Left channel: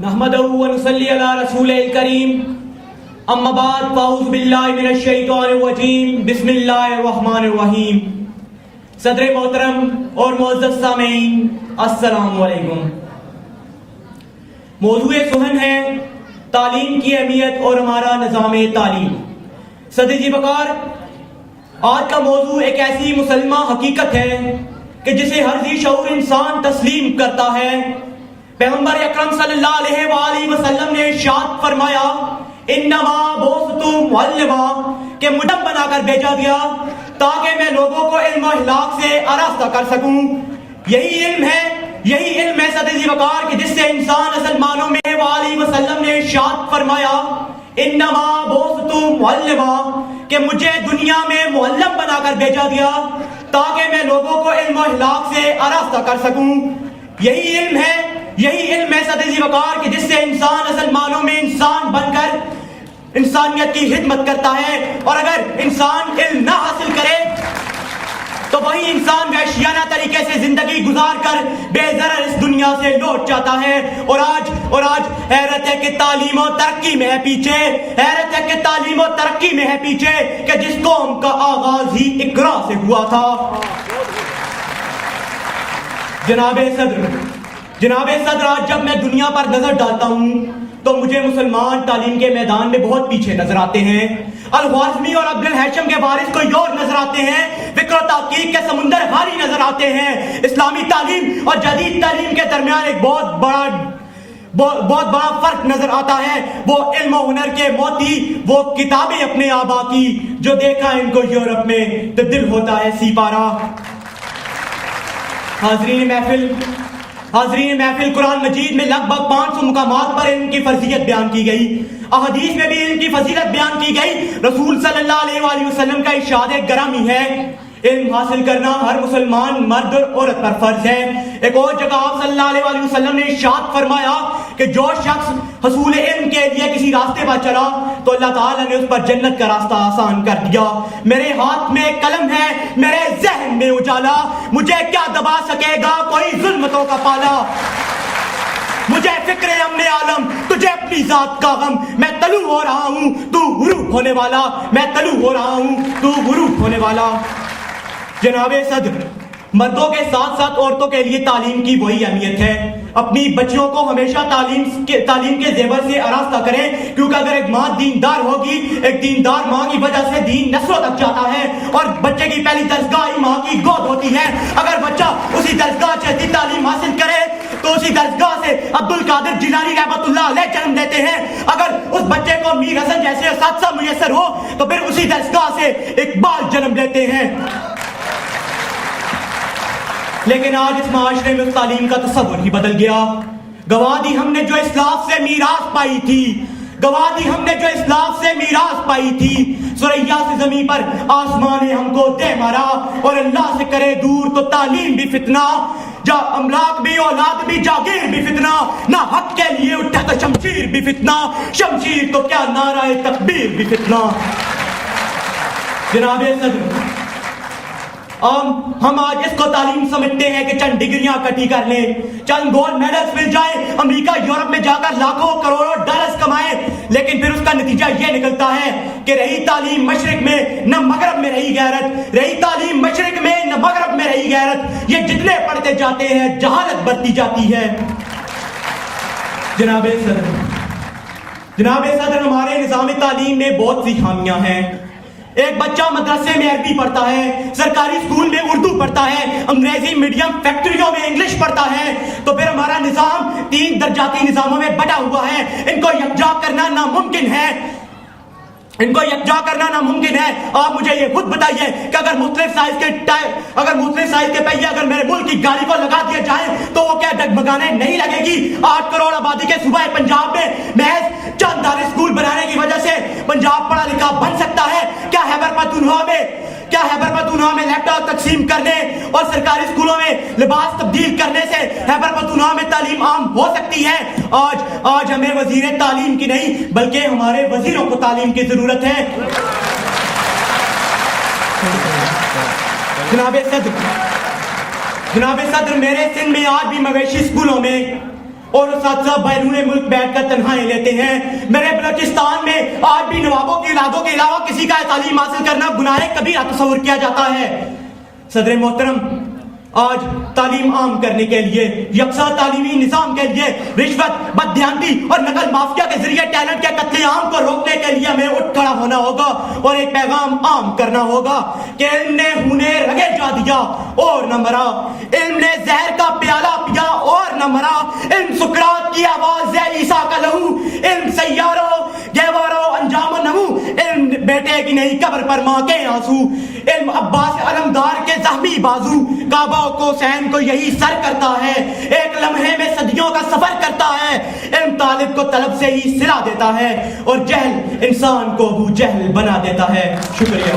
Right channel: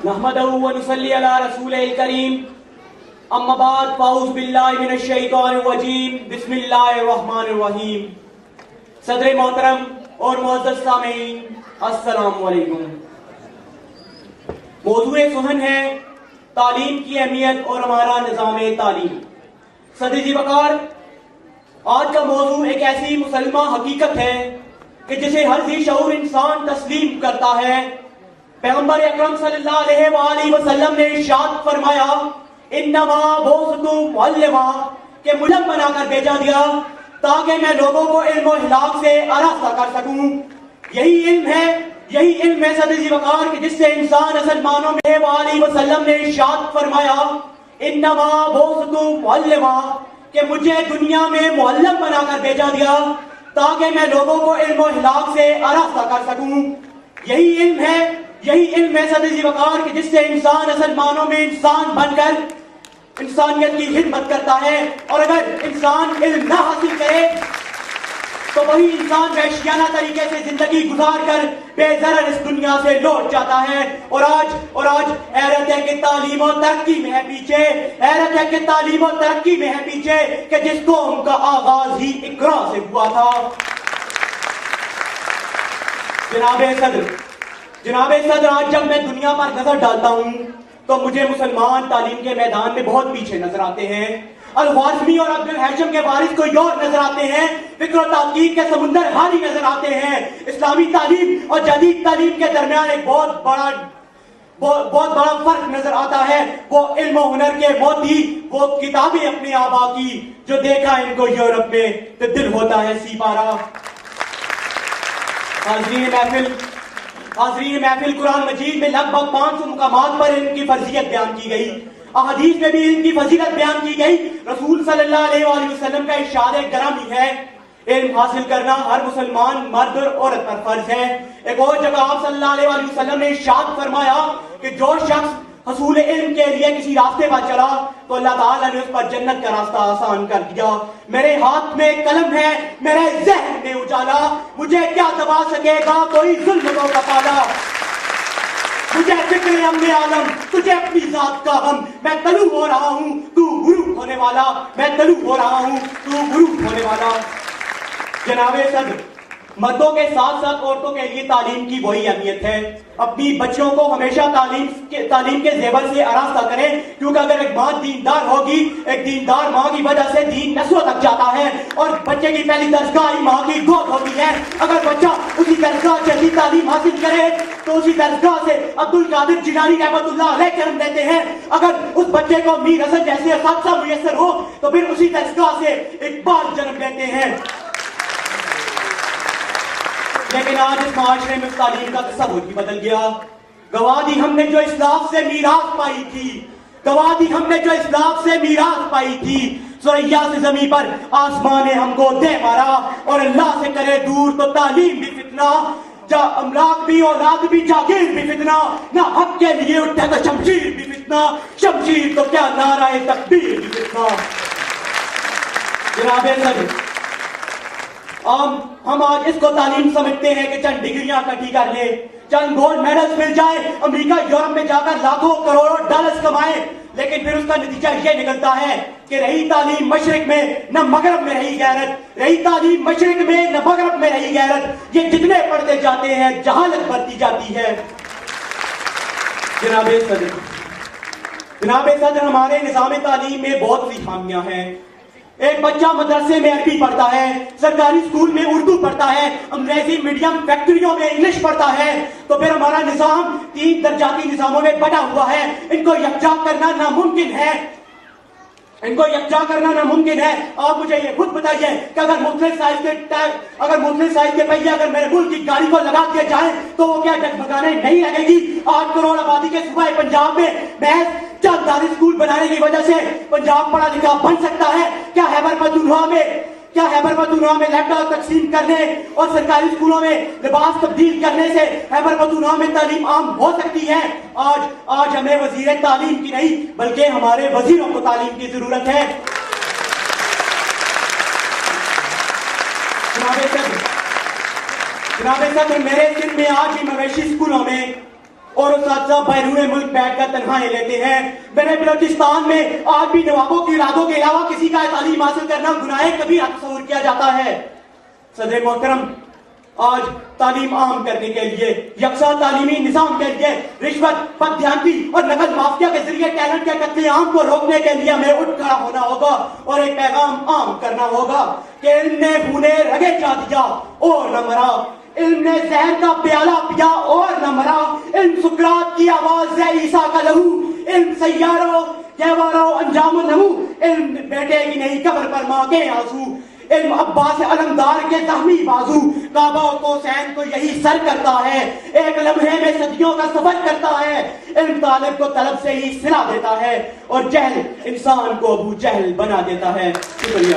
नहमदहु व नुसल्ली अला रसूलिल करीम अम्मा बाद फ़अऊज़ु बिल्लाहि मिनश शैतानिर रजीम बिस्मिल्लाहिर रहमानिर रहीम। सदर मोहतरम और मुअज़्ज़ज़ सामीन अस्सलामु अलैकुम। मौज़ूए सुहन है तालीम की अहमियत और हमारा निज़ाम तालीम। सदर जी बकार, आज का मौजू एक ऐसी मुसलमा हकीकत है कि जिसे हर जी शऊर इंसान तस्लीम करता है। पैगंबर अकरम सल्लल्लाहु अलैहि वसल्लम ने इरशाद फरमाया, इन्नमा बुअ्सितु मुअल्लिमा, कि मुझे बनाकर भेजा गया ताकि मैं लोगों को इल्म और अखलाक से आरास्ता कर सकूं। यही इल्म है सदर जी वकार कि जिससे इंसान असल मानों में वसल्लम ने इरशाद फरमाया, इन्नमा बुअ्सितु मुअल्लिमा, कि मुझे दुनिया में मुअल्लिम बनाकर भेजा गया ताकि मैं लोगों को इल्म और अखलाक से आरास्ता कर सकूं। यही इल्म है सदर जी वकार कि जिससे इंसान असल मानों में इंसान बनकर इंसानियत की खिदमत करता है। और अगर इंसान इल्म ना हासिल करे तो वही इंसान वहशियाना तरीके से जिंदगी गुजार कर बेज़रर इस दुनिया से लौट जाता है। और आज हैरत है कि तालीम और तरक्की में है पीछे, कि जिस कौम का आगाज ही इकरा से हुआ था। जनाबे सदर, आज जब मैं दुनिया पर नजर डालता हूँ तो मुझे मुसलमान तालीम के मैदान में बहुत पीछे नजर आते हैं। अल-ख्वारिज़मी और अब्दुल हैशम के वारिस कोई और नजर आते हैं। फिक्र और तहकीक के समुंदर हारी नजर आते हैं। इस्लामी तालीम और जदीद तालीम के दरमियान एक बहुत बड़ा फर्क नजर आता है। वो इल्म और हुनर के मोती, वो किताबें अपने आबा की, जो देखा इनको यूरोप में तो दिल होता है सीपारा। हाज़रीन महफिल, कुरान मजीद में लगभग 500 मुकामात पर इनकी फजीलत बयान की गई। अहदीस में भी इनकी फजीलत बयान की गई। रसूल सल्लल्लाहु अलैहि वसल्लम का इरशाद गरामी है, इल्म हासिल करना हर मुसलमान मर्द और औरत पर फर्ज है। एक और जगह आप सल्लल्लाहु अलैहि वसल्लम ने इरशाद फरमाया कि जो शख्स हसूल इल्म के लिए किसी रास्ते पर चला तो अल्लाह ताला ने उस पर जन्नत का रास्ता आसान कर दिया। मेरे हाथ में कलम है, मेरे ज़हन में उजाला, मुझे क्या दबा सकेगा कोई जुल्मतों का पाला। मुझे फिक्र है अपने आलम, तुझे अपनी जात का गम, मैं तलू हो रहा हूँ तू गुरूब होने वाला, मैं तलू हो रहा हूँ तू गुरूब होने वाला। जनाबे सदर, मर्दों के साथ साथ औरतों के लिए तालीम की वही अहमियत है। अपनी बच्चियों को हमेशा तालीम के जेवर से आरास्ता करें, क्योंकि अगर एक माँ दीनदार होगी, एक दीनदार माँ की वजह से दीन नस्लों तक जाता है। और बच्चे की पहली दरगाह ही माँ की गोद होती है। अगर बच्चा उसी दरगाह से अच्छी तालीम हासिल करे तो उसी दरगाह से अब्दुल कादिर जिलानी रहमतुल्लाह अलैह जन्म देते हैं। अगर उस बच्चे को मीर हसन जैसे सादसा मुयस्सर हो तो फिर उसी दरगाह से इकबाल जन्म लेते हैं। लेकिन आज इस माशरे में तालीम का तस्वुर ही बदल गया। गवा दी हमने जो इस्लाफ से मीरास पाई थी, सुरैया से जमीन पर आसमान ने हमको दे मारा। और अल्लाह से करे दूर तो तालीम भी फितना, जा अमलाक भी औलाद भी जागीर भी फितना, ना हक के लिए उठा तो शमशीर भी फितना, शमशीर तो क्या नारा तकबीर भी फितना। जनाबे सदर, हम आज इसको तालीम समझते हैं कि चंद डिग्रियां इकट्ठी कर ले, चंद गोल्ड मेडल्स मिल जाए, अमेरिका यूरोप में जाकर लाखों करोड़ों डॉलर्स कमाए। लेकिन फिर उसका नतीजा ये निकलता है कि रही तालीम मशरिक में न मगरब में रही गैरत, ये जितने पढ़ते जाते हैं जहालत बढ़ती जाती है। जनाबे सदर, हमारे निज़ाम तालीम में बहुत सी खामियां हैं। एक बच्चा मदरसे में अरबी पढ़ता है, सरकारी स्कूल में उर्दू पढ़ता है, अंग्रेजी मीडियम फैक्ट्रियों में इंग्लिश पढ़ता है, तो फिर हमारा निजाम 3 दर्जाती निजामों में बटा हुआ है। इनको यकजा करना नामुमकिन है। आप मुझे ये खुद बताइए कि अगर मुख्तलिफ साइज के पहिए अगर मेरे मुल्क की गाड़ी को लगा दिया जाए तो वो क्या डगमगाने नहीं लगेगी? 8 करोड़ आबादी के सूबे पंजाब में महज चंद दारी स्कूल बनाने की वजह से पंजाब पढ़ा लिखा बन सकता है? क्या हैबर पख्तूनख्वा में लैपटॉप तकसीम करने और सरकारी स्कूलों में लिबास तब्दील करने से हैबर पख्तूनख्वा में तालीम आम हो सकती है? आज हमें वजीर तालीम की नहीं बल्कि हमारे वजीरों को तालीम की जरूरत है। जनाबे सदर, मेरे सिंध में आज भी मवेशी स्कूलों में اور اساتذہ بیرون ملک بیٹھ کر تنخواہیں لیتے ہیں. میرے بلوچستان میں آج بھی نوابوں کی اولادوں کے علاوہ کسی کا تعلیم حاصل کرنا گناہ کبیرہ تصور کیا جاتا ہے. صدر محترم، آج تعلیم عام کرنے کے لیے، یکساں تعلیمی نظام کے لیے رشوت، بددھیانتی اور نقل مافیا کے ذریعے ٹیلنٹ کے قتل عام کو روکنے کے لیے ہمیں اٹھ کھڑا ہونا ہوگا اور ایک پیغام عام کرنا ہوگا کہ علم نے خونے رگے جا دیا اور نہ مرا، علم نے زہر کا پیالہ پیا اور نہ مرا، علم سکرات کی آواز ہے عیسیٰ کا لہو، علم سیاروں گہواروں انجام نمو، علم بیٹے کی نہیں قبر پر ماں کے آنسو، علم عباس علمدار کے زخمی بازو، کعبہ کو حسین کو یہی سر کرتا ہے، ایک لمحے میں صدیوں کا سفر کرتا ہے، علم طالب کو طلب سے ہی سلا دیتا ہے اور جہل انسان کو ابو جہل بنا دیتا ہے. شکریہ.